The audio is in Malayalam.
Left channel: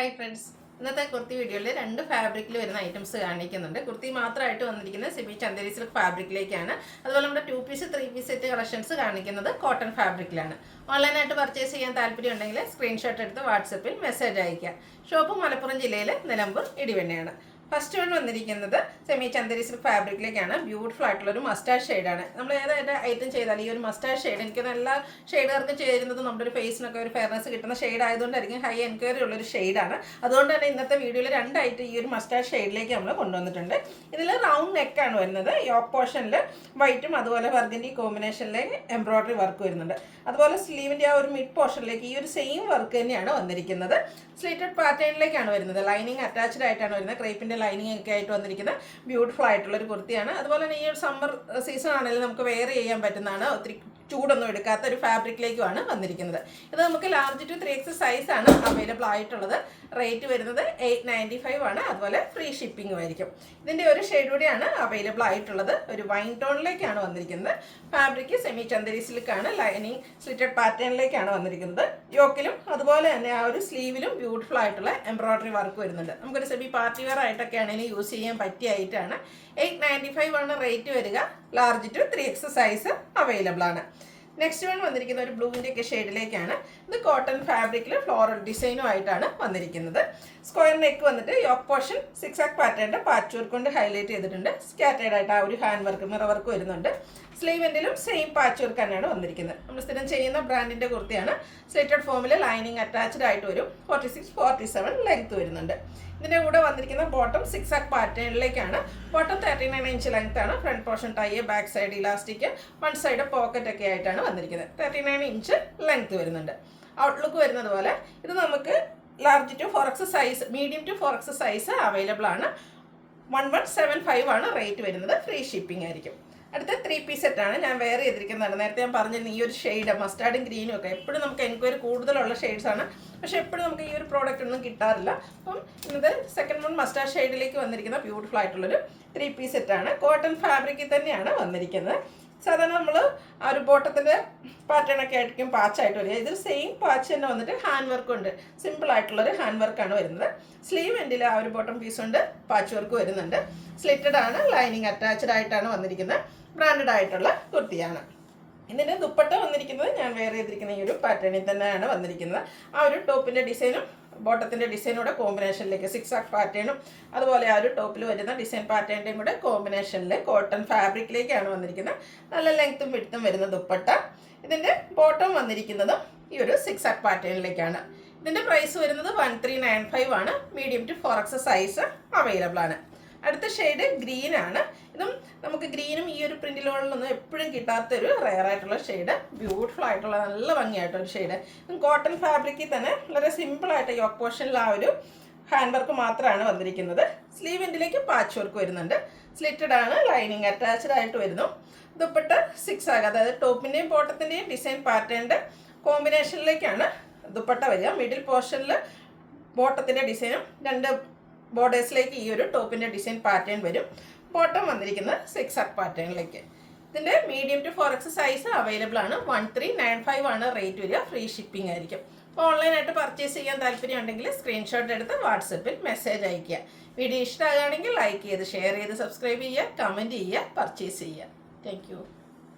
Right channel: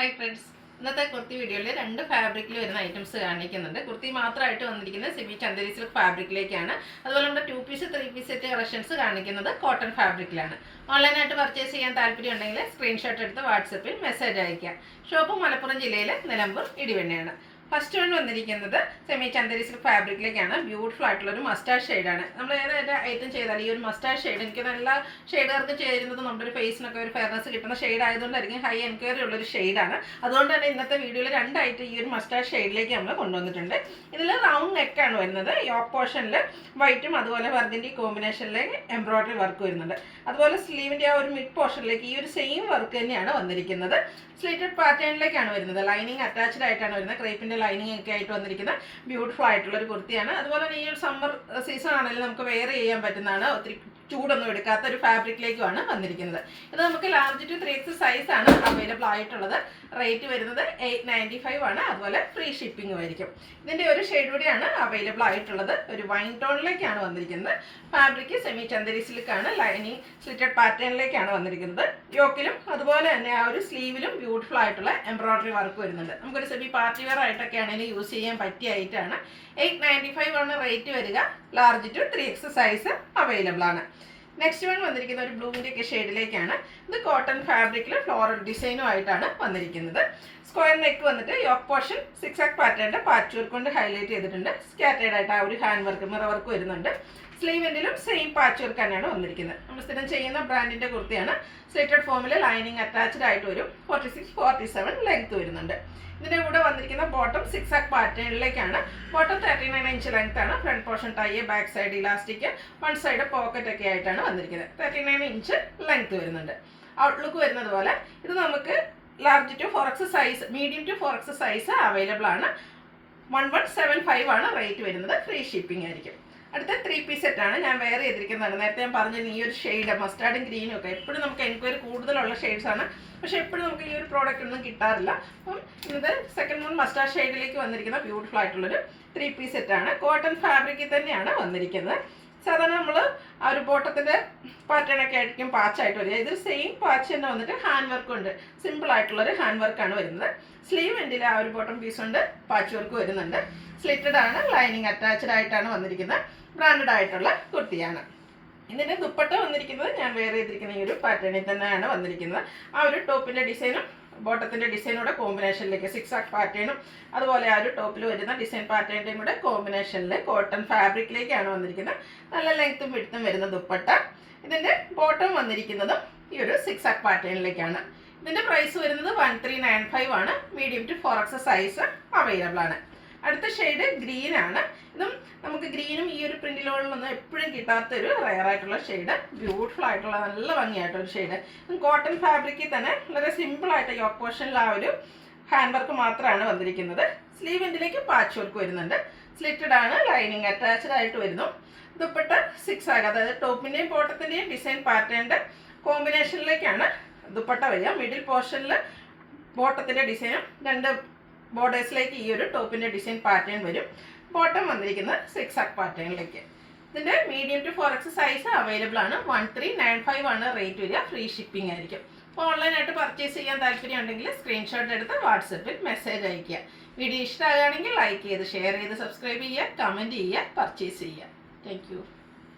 ഹായ് ഫ്രണ്ട്സ്, ഇന്നത്തെ കുർത്തി വീഡിയോയിൽ രണ്ട് ഫാബ്രിക്കിൽ വരുന്ന ഐറ്റംസ് കാണിക്കുന്നുണ്ട്. കുർത്തി മാത്രമായിട്ട് വന്നിരിക്കുന്നത് സെമി ചന്ദേരി സിൽക്ക് ഫാബ്രിക്കിലേക്കാണ്. അതുപോലെ നമ്മുടെ 2 പീസ് 3 പീസ് സെറ്റ് കളക്ഷൻസ് കാണിക്കുന്നത് കോട്ടൺ ഫാബ്രിക്കിലാണ്. ഓൺലൈനായിട്ട് പർച്ചേസ് ചെയ്യാൻ താല്പര്യം ഉണ്ടെങ്കിൽ സ്ക്രീൻഷോട്ട് എടുത്ത് വാട്സപ്പിൽ മെസ്സേജ് അയയ്ക്കുക. ഷോപ്പ് മലപ്പുറം ജില്ലയിൽ നിലമ്പൂർ ഇടിവണ്ണയാണ്. ഫസ്റ്റ് വൺ വന്നിരിക്കുന്നത് സെമി ചന്ദേരി സിൽക്ക് ഫാബ്രിക്കിലേക്കാണ്. ബ്യൂട്ടിഫുൾ ആയിട്ടുള്ളൊരു മസ്റ്റാർഡ് ഷെയ്ഡാണ്. നമ്മൾ ഏതായിട്ട് ഐറ്റം ചെയ്താൽ ഈ ഒരു മസ്റ്റാർഡ് ഷെയ്ഡ് എനിക്ക് നല്ല ഷെയ്ഡുകാർക്ക് ചേരുന്നത് നമ്മുടെ ഒരു ഫേസിനൊക്കെ ഒരു ഫെയർനെസ് കിട്ടുന്ന ഷെയ്ഡ് ആയതുകൊണ്ടായിരിക്കും ഹൈ എൻക്വയറി ഉള്ളൊരു ഷെയ്ഡാണ്. അതുകൊണ്ട് തന്നെ ഇന്നത്തെ വീഡിയോയിൽ രണ്ടായിട്ട് ഈ ഒരു മസ്റ്റാർഡ് ഷെയ്ഡിലേക്ക് നമ്മൾ കൊണ്ടുവന്നിട്ടുണ്ട്. ഇതിൽ റൗണ്ട് നെക്കാണ് വരുന്നത്. യോക്ക് പോർഷനിൽ വൈറ്റും അതുപോലെ വർഗൻഡി കോമ്പിനേഷനിലേക്ക് എംബ്രോയ്ഡറി വർക്ക് വരുന്നുണ്ട്. അതുപോലെ സ്ലീവിൻ്റെ ആ ഒരു മിഡ് പോർഷനിലേക്ക് ഈ ഒരു സെയിം വർക്ക് തന്നെയാണ് വന്നിരിക്കുന്നത്. സ്ലിറ്റഡ് പാറ്റേണിലേക്കാണ് വരുന്നത്. ലൈനിങ് അറ്റാച്ച്ഡ് ആയിട്ടാണ് വരുന്നത്. ക്രേപ്പിൻ്റെ ലൈനിങ് ഒക്കെ ആയിട്ട് വന്നിരിക്കുന്ന ബ്യൂട്ടിഫുൾ ആയിട്ടുള്ളൊരു കുർത്തിയാണ്. അതുപോലെ തന്നെ ഈ ഒരു സമ്മർ സീസൺ ആണെങ്കിലും നമുക്ക് വെയർ ചെയ്യാൻ പറ്റുന്നതാണ്. ഒത്തിരി ചൂടൊന്നും എടുക്കാത്ത ഒരു ഫാബ്രിക്കിലേക്കുമാണ് വന്നിരിക്കുന്നത്. ഇത് നമുക്ക് ലാർജ് ടു 3X സൈസാണ് അവൈലബിൾ ആയിട്ടുള്ളത്. റേറ്റ് വരുന്നത് 895 ആണ്. അതുപോലെ ഫ്രീ ഷിപ്പിംഗും ആയിരിക്കും. ഇതിൻ്റെ ഒരു ഷെയ്ഡ് കൂടിയാണ് അവൈലബിൾ ആയിട്ടുള്ളത്. ഒരു വൈൻ ടോണിലേക്കാണ് വന്നിരിക്കുന്നത്. ഫാബ്രിക് സെമി ചന്ദേരി സിൽക്കാണ്. ലൈനിങ് സ്ലിറ്റഡ് പാറ്റേണിലേക്കാണ് വന്നിരിക്കുന്നത്. യോക്കിലും അതുപോലെ തന്നെ ആ ഒരു സ്ലീവിലും ബ്യൂട്ടിഫുൾ ആയിട്ടുള്ള എംബ്രോയ്ഡറി വർക്ക് വരുന്നുണ്ട്. നമുക്കൊരു സെമി പാർട്ടി വെയർ ആയിട്ടൊക്കെ ആണെങ്കിൽ യൂസ് ചെയ്യാൻ പറ്റിയ ഐറ്റാണ്. 895 ആണ് റേറ്റ് വരിക. Large to 3X size available ആണ്. നെക്സ്റ്റ് വൺ വന്നിരിക്കുന്ന ഒരു ബ്ലൂവിൻ്റെ ഒക്കെ ഷെയ്ഡിലേക്കാണ്. ഇത് കോട്ടൺ ഫാബ്രിക്കിൽ ഫ്ലോറൽ ഡിസൈനും ആയിട്ടാണ് വന്നിരിക്കുന്നത്. സ്ക്വയർ നെക്ക് വന്നിട്ട് യോക്ക് പോർഷൻ 6 പാറ്റേണിൻ്റെ പാച്ച് വർക്ക് കൊണ്ട് ഹൈലൈറ്റ് ചെയ്തിട്ടുണ്ട്. സ്കാറ്റേഡ് ആയിട്ട് ആ ഒരു ഹാൻഡ് വർക്ക് മിറർ വർക്ക് വരുന്നുണ്ട്. സ്ലീവെൻറ്റിലും സെയിം പാച്ച് വർക്ക് തന്നെയാണ് വന്നിരിക്കുന്നത്. നമ്മൾ സ്ഥിരം ചെയ്യുന്ന ബ്രാൻഡിൻ്റെ കുർത്തിയാണ്. സ്ലിറ്റഡ് ഫോമിൽ ലൈനിങ് അറ്റാച്ച്ഡ് ആയിട്ട് വരും. 46-47 ലെങ്ത് വരുന്നുണ്ട്. ഇതിൻ്റെ കൂടെ വന്നിരിക്കുന്ന ബോട്ടം 6 പാറ്റേണിലേക്കാണ്. ബോട്ടം 39 ഇഞ്ച് ലെങ്ത് ആണ്. Front portion tie, back side elastic, one side pocket ഒക്കെ ആയിട്ടാണ് വന്നിരിക്കുന്നത്. 39 ഇഞ്ച് ലെങ്ത് വരുന്നുണ്ട്. ഔട്ട്ലുക്ക് വരുന്നത് പോലെ ഇത് നമുക്ക് large to 4X size, medium to 4X size available ആണ്. 1175 ആണ് റേറ്റ് വരുന്നത്. ഫ്രീ ഷിപ്പിംഗ് ആയിരിക്കും. അടുത്ത 3 പീസ് സെറ്റാണ് ഞാൻ വെയർ ചെയ്തിരിക്കുന്നതാണ്. നേരത്തെ ഞാൻ പറഞ്ഞിരുന്നു ഈ ഒരു ഷെയ്ഡ് മസ്റ്റാർഡും ഗ്രീനും ഒക്കെ എപ്പോഴും നമുക്ക് എൻക്വയറി കൂടുതലുള്ള ഷെയ്ഡ്സാണ്. പക്ഷേ എപ്പോഴും നമുക്ക് ഈ ഒരു പ്രോഡക്റ്റ് ഒന്നും കിട്ടാറില്ല. അപ്പം ഇന്നത്തെ സെക്കൻഡ് വൺ മസ്റ്റാർഡ് ഷെയ്ഡിലേക്ക് വന്നിരിക്കുന്ന ബ്യൂട്ടിഫുൾ ആയിട്ടുള്ളൊരു 3 പീസ് സെറ്റാണ്. കോട്ടൺ ഫാബ്രിക്കിൽ തന്നെയാണ് വന്നിരിക്കുന്നത്. സാധാരണ നമ്മൾ ആ ഒരു ബോട്ടത്തിൻ്റെ പാറ്റേണൊക്കെ ആയിരിക്കും പാച്ചായിട്ട് വരിക. ഇതിൽ സെയിം പാച്ച് തന്നെ വന്നിട്ട് ഹാൻഡ് വർക്ക് ഉണ്ട്. സിമ്പിൾ ആയിട്ടുള്ളൊരു ഹാൻഡ് വർക്കാണ് വരുന്നത്. സ്ലീവ് എൻഡിൽ ആ ഒരു ബോട്ടം പീസ് കൊണ്ട് പാച്ച് വർക്ക് വരുന്നുണ്ട്. സ്ലിറ്റഡ് ആണ്. ലൈനിങ് അറ്റാച്ച്ഡ് ആയിട്ടാണ് വന്നിരിക്കുന്നത്. ബ്രാൻഡഡ് ആയിട്ടുള്ള കുർത്തിയാണ്. ഇതിൻ്റെ ദുപ്പട്ട വന്നിരിക്കുന്നത് ഞാൻ വെയർ ചെയ്തിരിക്കുന്ന ഈ ഒരു പാറ്റേണിൽ തന്നെയാണ് വന്നിരിക്കുന്നത്. ആ ഒരു ടോപ്പിൻ്റെ ഡിസൈനും ബോട്ടത്തിൻ്റെ ഡിസൈനൂടെ കോമ്പിനേഷനിലേക്ക് 6 പാറ്റേണും അതുപോലെ ആ ഒരു ടോപ്പിൽ വരുന്ന ഡിസൈൻ പാറ്റേണിൻ്റെയും കൂടെ കോമ്പിനേഷനിൽ കോട്ടൺ ഫാബ്രിക്കിലേക്കാണ് വന്നിരിക്കുന്നത്. നല്ല ലെങ്ത്തും വിഡ്ത്തും വരുന്ന ദുപ്പട്ട. ഇതിൻ്റെ ബോട്ടം വന്നിരിക്കുന്നതും ഈ ഒരു 6 പാറ്റേണിലേക്കാണ്. ഇതിൻ്റെ പ്രൈസ് വരുന്നത് 1395 ആണ്. Medium to 4X size available ആണ്. അടുത്ത ഷെയ്ഡ് ഗ്രീൻ ആണ്. ഇതും നമുക്ക് ഗ്രീനും ഈ ഒരു പ്രിന്റിലുകളൊന്നും എപ്പോഴും കിട്ടാത്തൊരു റെയർ ആയിട്ടുള്ള ഷെയ്ഡ്. ബ്യൂട്ടിഫുൾ ആയിട്ടുള്ള നല്ല ഭംഗിയായിട്ടൊരു ഷെയ്ഡ്. കോട്ടൺ ഫാബ്രിക്കിൽ തന്നെ വളരെ സിമ്പിളായിട്ട് യോക്ക് പോർഷനിൽ ആ ഒരു ഹാൻഡ് വർക്ക് മാത്രമാണ് വന്നിരിക്കുന്നത്. സ്ലീവ് എൻഡിലേക്ക് പാച്ച് വർക്ക് വരുന്നുണ്ട്. സ്ലിറ്റഡ് ആണ്. ലൈനിങ് അറ്റാച്ച്ഡ് ആയിട്ട് വരുന്നു. ദുപ്പട്ട 6 ആകുക, അതായത് ടോപ്പിൻ്റെയും ബോട്ടത്തിൻ്റെയും ഡിസൈൻ പാറ്റേണിൻ്റെ കോമ്പിനേഷനിലേക്കാണ് ദുപ്പട്ട വരിക. മിഡിൽ പോർഷനിൽ ബോട്ടത്തിൻ്റെ ഡിസൈനും രണ്ട് ബോർഡേഴ്സിലേക്ക് ഈ ഒരു ടോപ്പിൻ്റെ ഡിസൈൻ പാറ്റേൺ വരും. ബോട്ടം വന്നിരിക്കുന്നത് 6 പാറ്റേണിലേക്ക്. ഇതിൻ്റെ medium to 4X size available ആണ്. 1395 ആണ് റേറ്റ് വരിക. ഫ്രീ ഷിപ്പിംഗ് ആയിരിക്കും. അപ്പോൾ ഓൺലൈനായിട്ട് പർച്ചേസ് ചെയ്യാൻ താല്പര്യം ഉണ്ടെങ്കിൽ സ്ക്രീൻഷോട്ട് എടുത്ത് വാട്സപ്പിൽ മെസ്സേജ് അയയ്ക്കുക. വീഡിയോ ഇഷ്ടമാകുകയാണെങ്കിൽ ലൈക്ക് ചെയ്ത് ഷെയർ ചെയ്ത് സബ്സ്ക്രൈബ് ചെയ്യുക, കമൻറ്റ് ചെയ്യുക, പർച്ചേസ് ചെയ്യുക. താങ്ക്